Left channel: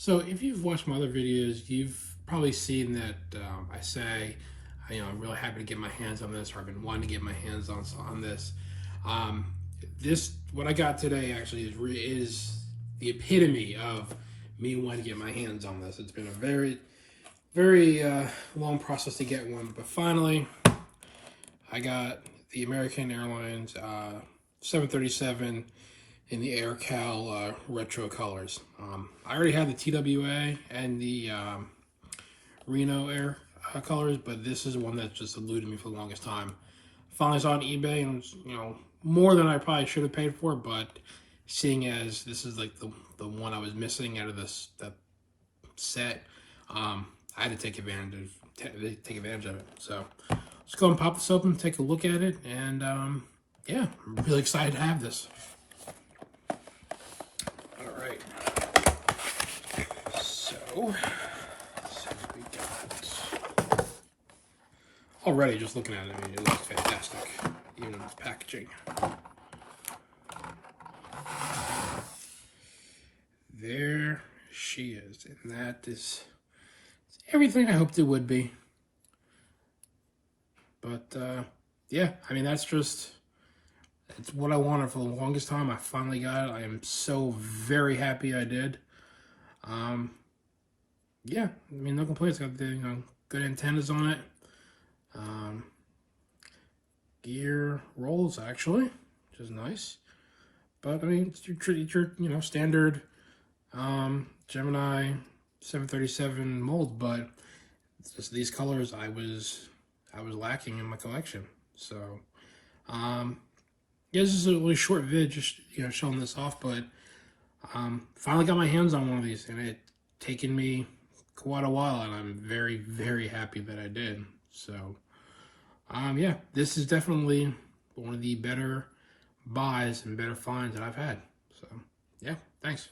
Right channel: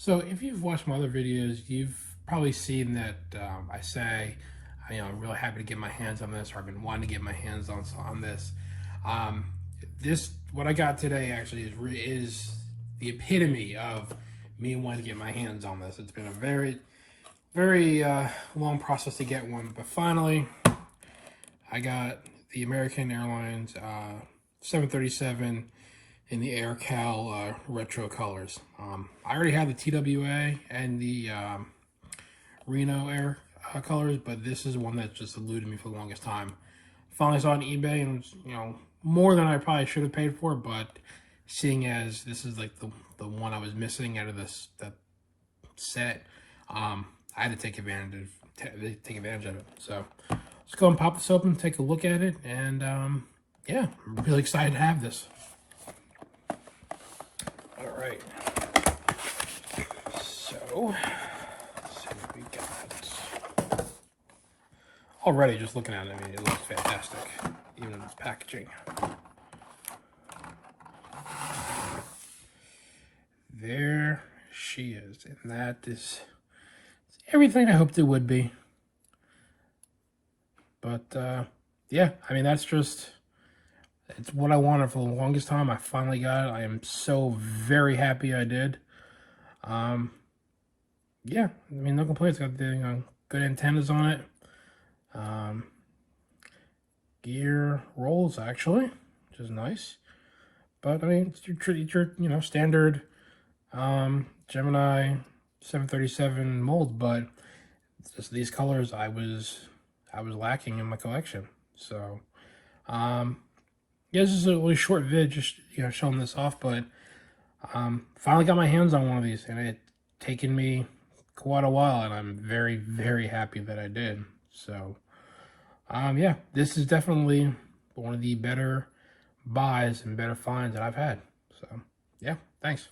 So if you've watched my other videos, you've probably seen that I say, I'm really happy to get my hands on this, or I've been wanting to get my hands on this. Um, this what I got today actually is the epitome of me wanting to get my hands on this. It's been a very long process to get one, but finally I got the American Airlines 737 in the AirCal retro colors. I already had the TWA and the Reno Air colors, but this is one that just eluded me for the longest time. Finally saw it on eBay, and more than I probably should have paid for, but seeing as this is like the one I was missing out of that set, I had to take advantage of it. So let's go and pop this open, take a look at it, and yeah, I'm really excited to have this. Alright, so we got, already just looking at it, I mean, it looks fantastic, even in its packaging. There she is, and that is everything I hoped it would be. But yeah, I mean, it's what I wanted for the longest time. I finally got it. I am so very happy I did. Yeah, I mean, no complaints. Got the good antennas on it. Gear rolls actually, which is nice. But I mean, it's your standard Gemini 737 mold, but it's just these colors I was lacking in my collection. So yeah, this is a really short vid, just showing this off, but finally got my hands on one of these, and it taken me quite a while, and I'm very happy that I did. So yeah, this is definitely one of the better buys and better finds that I've had. So yeah, thanks.